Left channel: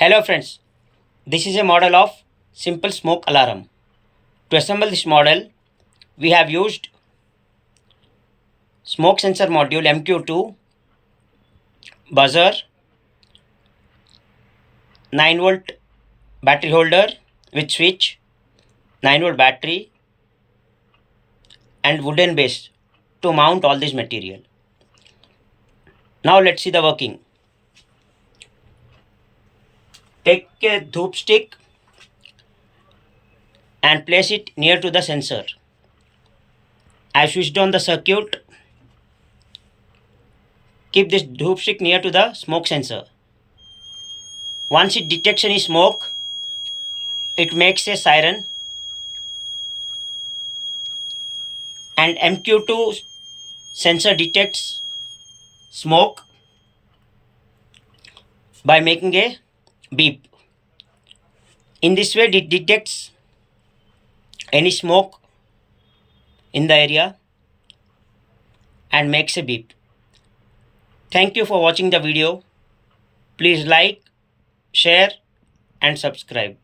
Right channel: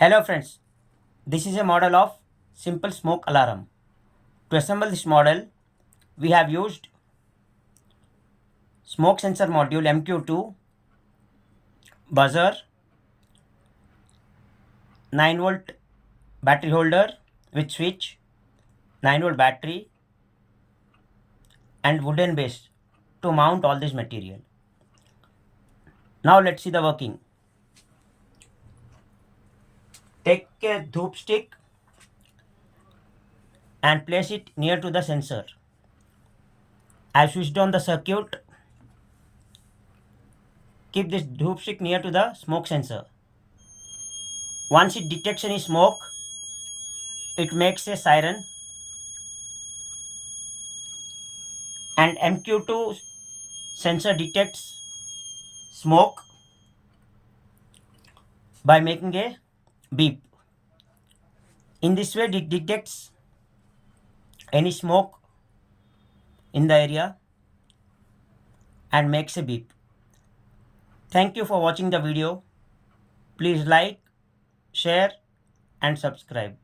Hello friends, this is a model of simple smoke alarm. To assemble this model, we have used smoke sensor module MQ2, buzzer, 9-volt battery holder with switch, 9-volt battery and wooden base to mount all this material. Now let's see the working. Take a dhoop stick and place it near to the sensor. I switched on the circuit. Keep this dhoop stick near to the smoke sensor. Once it detects any smoke, it makes a siren and MQ2 sensor detects smoke by making a beep. In this way, it detects any smoke in the area and makes a beep. Thank you for watching the video. Please like, share and subscribe.